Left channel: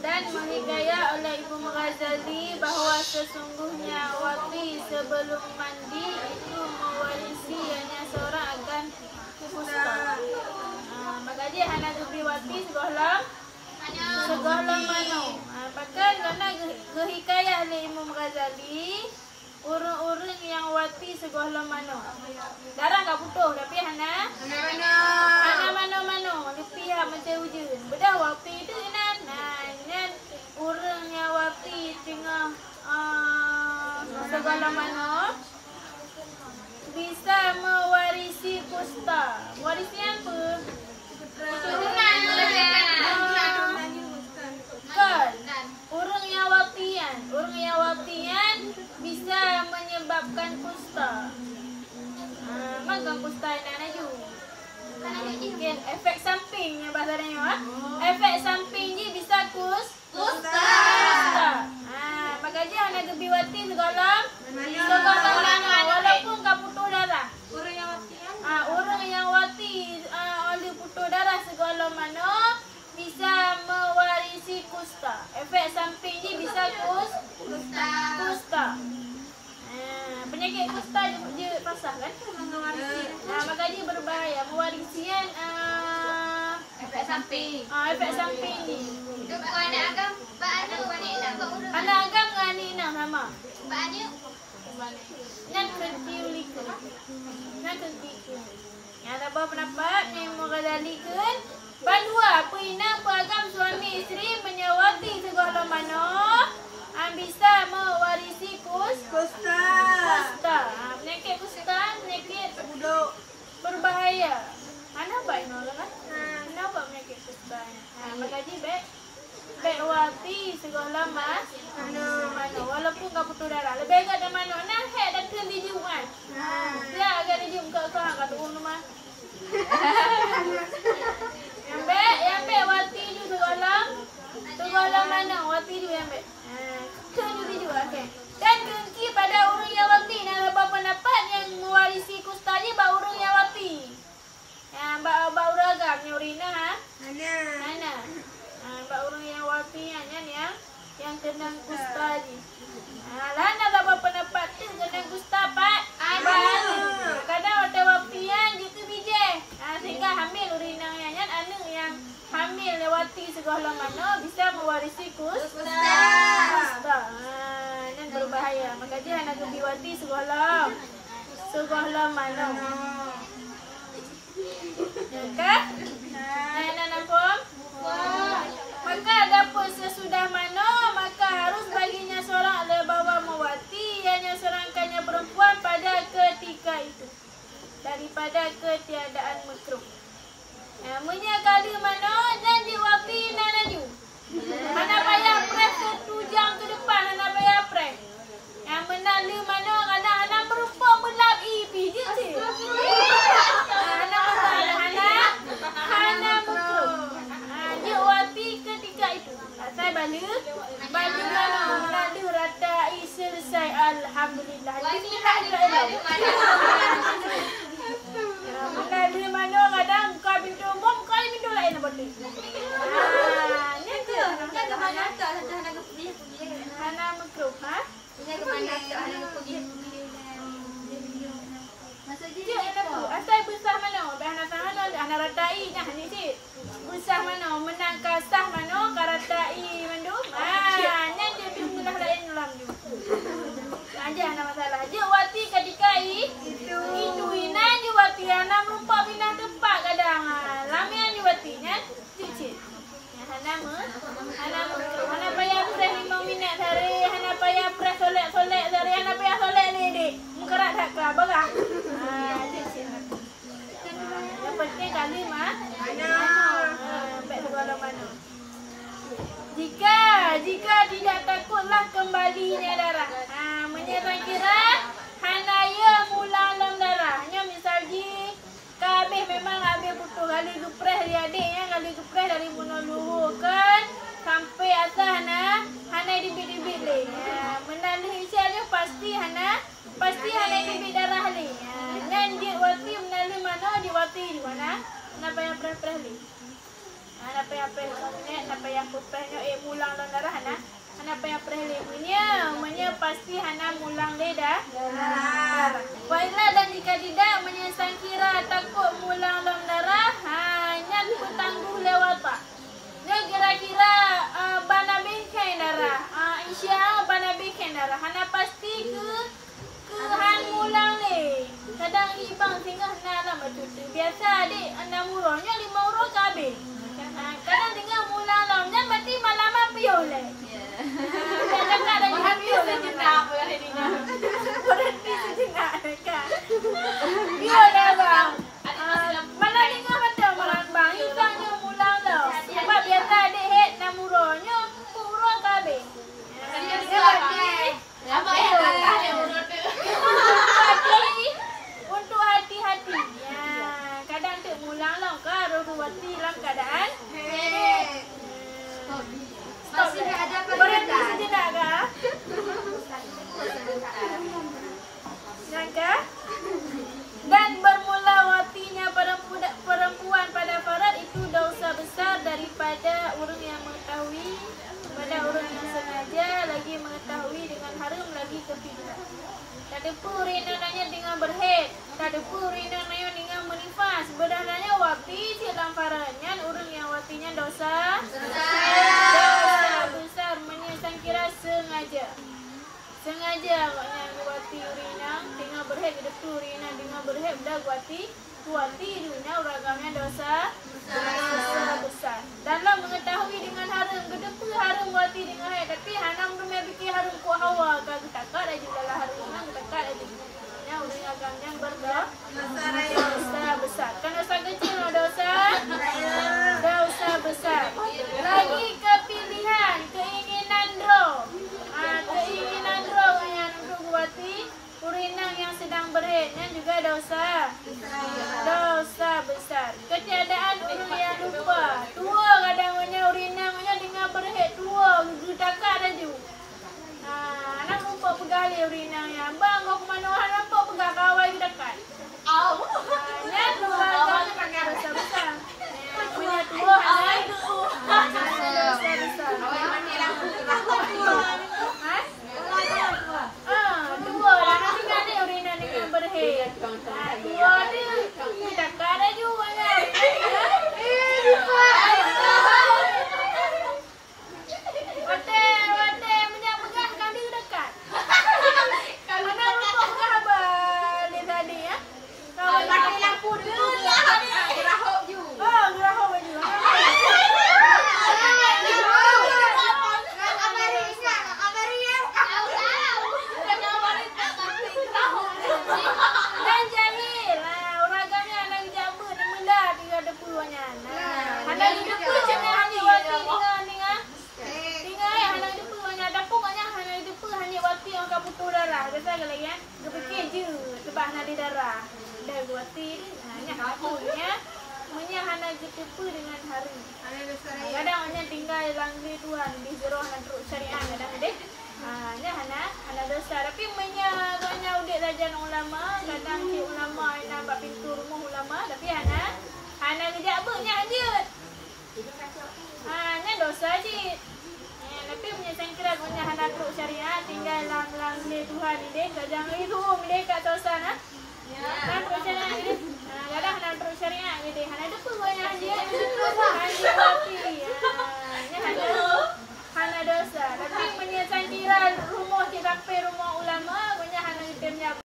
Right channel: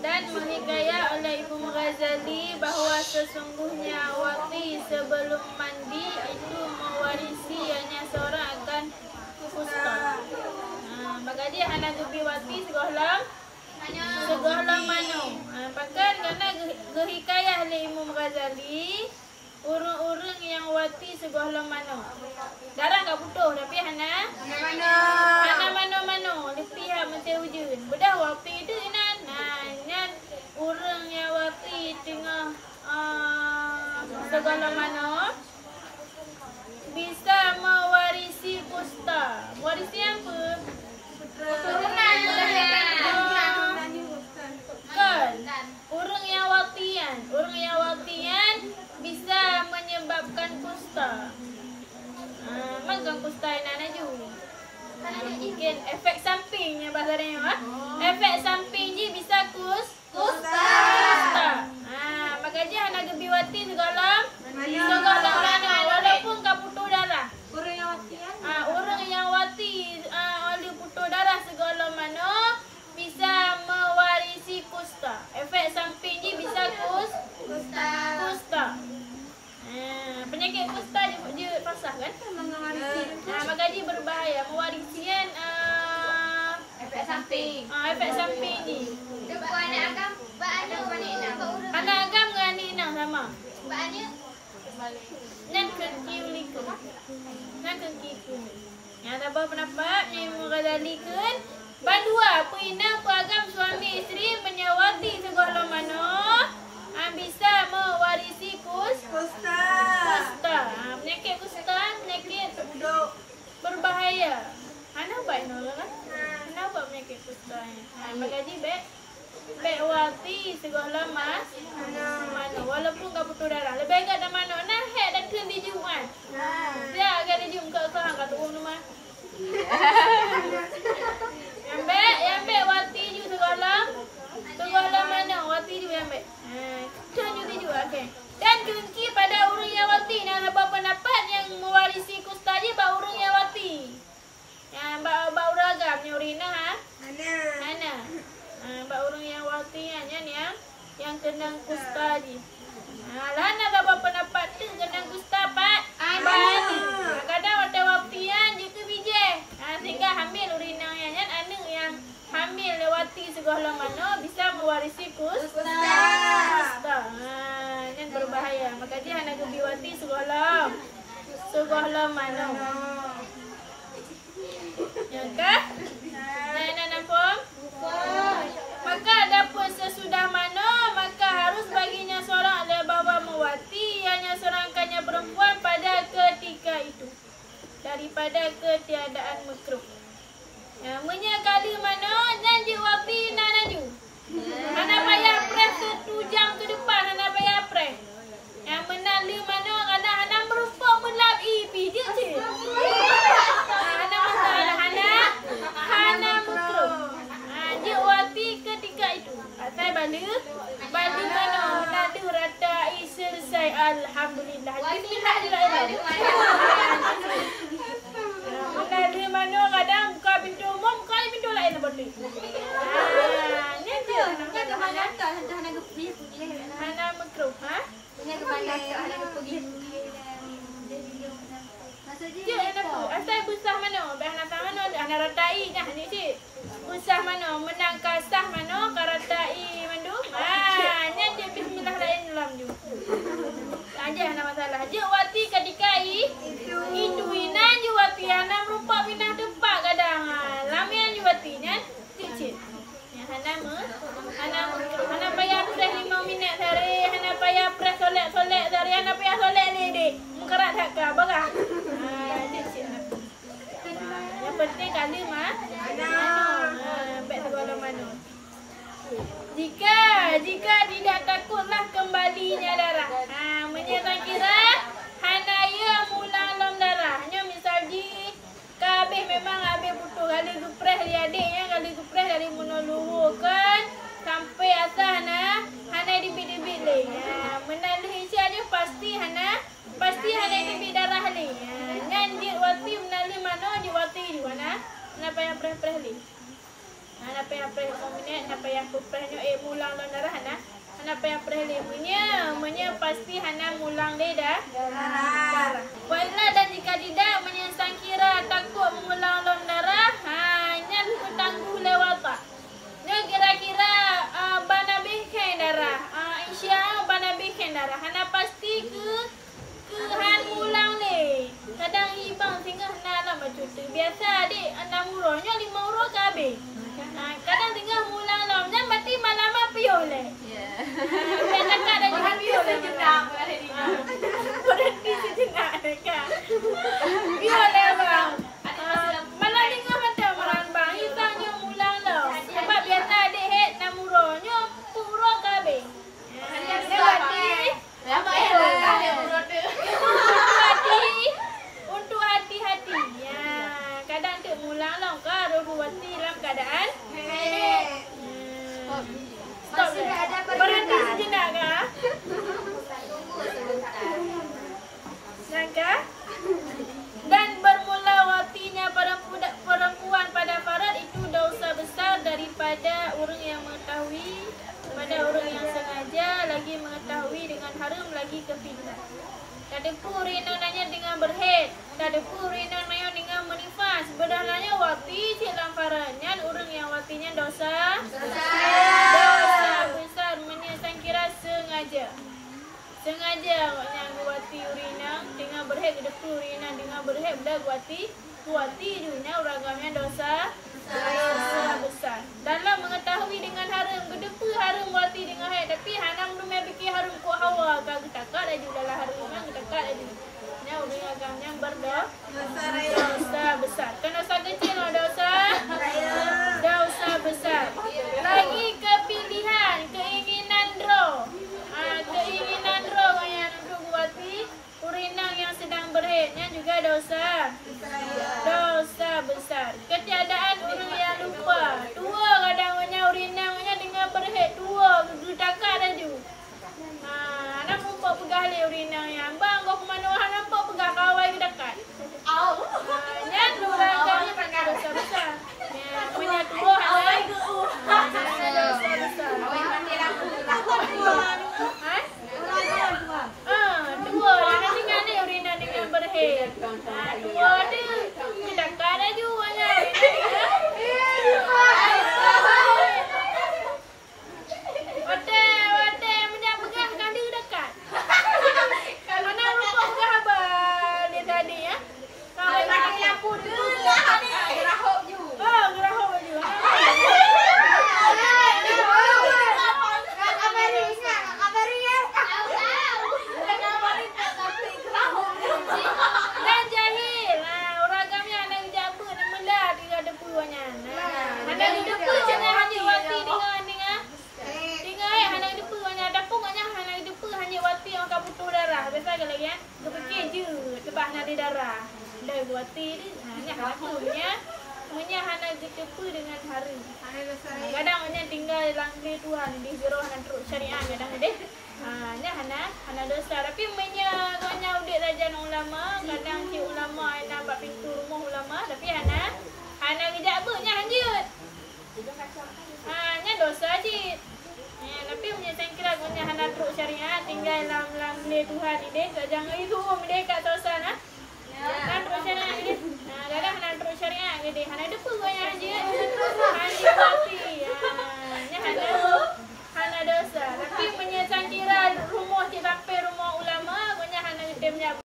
Dan menghikayat oleh Imam Ghazali bahawa sesungguhnya wati sebelum mandi itu mewarisi hanya seorang akan kusta. Maka dia hana gebi wati segohlam mano. Pakan kerana gehikayat oleh Imam Ghazali urang-urang yang wati segohlam mano. Darah tak putus tapi hana mano lebih macam hujan. Bedah wati tu nan urang yang wati tengah segohlam mano bisa mewarisi kusta. Mewarisi apa? Keturunan. Kan? Orang yang watian bisa menyebabkan kusta. Makan kusta yang naju. Mungkin efek sampingnya bahasa dia. Efek samping je bisa kusta. Maka dia nak gebi wati segolam lana walaupun kau putus darah. Orang yang wati oleh putus darah segolam mano bisa mewarisi kusta. Efek samping je bisa kusta. Penyakit kusta je pasah kan? Maka dia berbahaya. Mewarisian efek samping ni. Anak agam dengan ni nak sama. Nan kerti ulika. Nan kerti ke. Yang ada pendapat yang Ghazali kan? Bandua perinang peragam suami isteri menyawati segohlam mano bisa mewarisi kusta. Penyakit kusta, penyakit berbahaya. Hana baik nolak kan? Hana buat penyakit kusta ni. Maka ji baik wati segohlam mano walaupun kau putus darah. Lebih agak dah mano nah hek dah kena dijuan. Dia agak dijum kat kau kat turun rumah. Yang baik wati ju segohlam mana wati ju yang baik. Kena ju okey. Dan kunci pada orang yang wati nak ada pendapat yang mewarisi kusta je ba orang yang wati. Yang ba uragam ni urina Hana. Ba orang yang wati yang kena kusta je. Lana ada pendapat tu kena kusta pat. Kadang ada watian je tu bijih. Sehingga hamil urinang yang anak yang hamil lewati segohlam mano bisa mewarisi kusta. Ini berbahaya. Maka dia nak gebi wati segohlam mano. Ya kah? Nak nampak? Maka adapun sesudah mano maka harus baginya seorang bawa mewati hanya seorangkannya perempuan pada ketika itu daripada ketiadaan makruh. Menyakali mano janji wati nanaju. Hana payah press 1 jam ke depan hana payah press. Yang menali mano kadang hana berupa melap pijit je. Hana masalah hana makruh. Je wati ketika itu. Saya balik mano menali ratai selesai alhamdulillah. Bismillahirrahmanirrahim. Menali mano kadang buka pintu umum, buka pintu lain boleh. Ni je. Hana makruh, Dia apa? Asal besar mano? Hana sah mano? Hana ratai nah ni cik. Besar mano? Menang kasah mano? Karatai mandum. Nyan je bismillah lain dalam ju. Aja hana masalah. Je wati ketika itu inan je wati hana merupa pindah tempat kadang. Lamian je wati nyan cik. Hana makruh. Hana payah press 5 minit sehari. Hana payah press solek sehari. Hana payah solek ni dik. Mengkerat tak ke? Barah. Yang penting kali baik segohlam mano. Jika tidak takutlah kembalinya darah. Menyerang kira hanaya mulang lom darah. Hanya misalnya kabeh memang habis putus kali gepres dia adik yang kali gepres dari menolong kan sampai atas hana dibit-dibit le. Menalih dia pasti hana dibit darah le. Ngan dia wati menalih mana dia wati di mana? Nak payah preh le. Nak payah preh 5 minit, nak payah pupehnya mula mulang long darah hana payah perhele menya pasti hana mulang le darah. Wailah dan jika tidak menya sangkira takut mulang long darah hanya petangguh lewat tak. Nya kira-kira bana bengkai darah. Insya bana bengkai darah hana pasti ke han mulang le. Kadang ibang tinggal hana lah macam tu. Biasa adik 6 urang nya 5 urang ke habis. Kadang tinggal mulang long nya mati malam piol le. Dan dekat dah juga piol le malam. Berhenti sejenak dekat. Piol le bang. Malam tinggal macam malam bang. Isangnya mulang long. Sebab biasa adik hek 6 urang nya 10 urang ke habis. Untuk hati-hati. Ya, kadang tu mulang long ke Ruhwati dalam keadaan stop le. Berhenti sejenak ke? Nangka? Dan bermula watinya perempuan pada farad itu dosa besar daripada orang yang mengetahui, pada orang yang sengaja lagi mengetahui dengan haram lagi kefidihan. Tak ada pun rina nanya dengan berhed. Tak ada pun rina nanya dengan menifas. Sebenarnya wati silam faradnya orang yang watinya dosa besar menyesang kira sengaja. Sengaja katnya wati urina dengan berhed ke depan urina dengan berhed dah wati urina uragamnya dosa besar. Dalam mengetahui dengan haram gedepa haram wati dengan haid tapi hanam belum fikir haram ku hawa ka getakat aja dalam haram yang getakat aja. Nya urang agamnya dosa besar. Kan dosa kecil dosa besar. Lagi kepilihan, keinginan draw. Keinginan draw yang untuk wati urinang yang sedang berhaidnya juga dosa besar. Ketiadaan orang yang lupa. Tua kadangnya urinangnya dengan berhaid tua getakat aja. Anak lupa pegah le urinangnya. Bang kau ke mana nampak pegah kawai dekat. Nya keluarga kena dosa besar. Punya tua hana dosa besar. Tua lah nak tinggal ni urina dengan berhaid. Tua ni dekat aja urina Wate punya pegah kan dia dekat. Mana lupa pegah abang dia tadi ya. Kawan nak lampu tu gerahok je. Gerahok baju. Dan jahil. Orang agamnya anak jaba dan menda tiga depuanya. Anak depuanya hanya wati dengan anak depuanya dapungnya anak depu hanya wati yang akan putus darah. Biasa ke lagi kan? Kepikir je sebab nak ada darah. Dah wati ni hanya punya menyahana getepu dengan hari. Kadang hanya tinggal langli Tuhan di zeroh dan teruk syariat kadang deh. Nya hana dosa tapi menyanya udik rajan ulama, kadang cik ulama yang nampak pintu rumah ulama tapi hana kejap bernya hanjut. Nya dosa cik. Tapi menyesang kira guna hana teruk syariat tinggal langli Tuhan ni deh. Kadang itu deh kat tosan ah. Hana teruk syariat ni deh. Kadang hana teruk syariat ni deh. Hana depu banyak hanjut. Hanjut wati. Nya hana dosa tapi menyesang kira rumah cik sampai rumah ulama guna hana temnya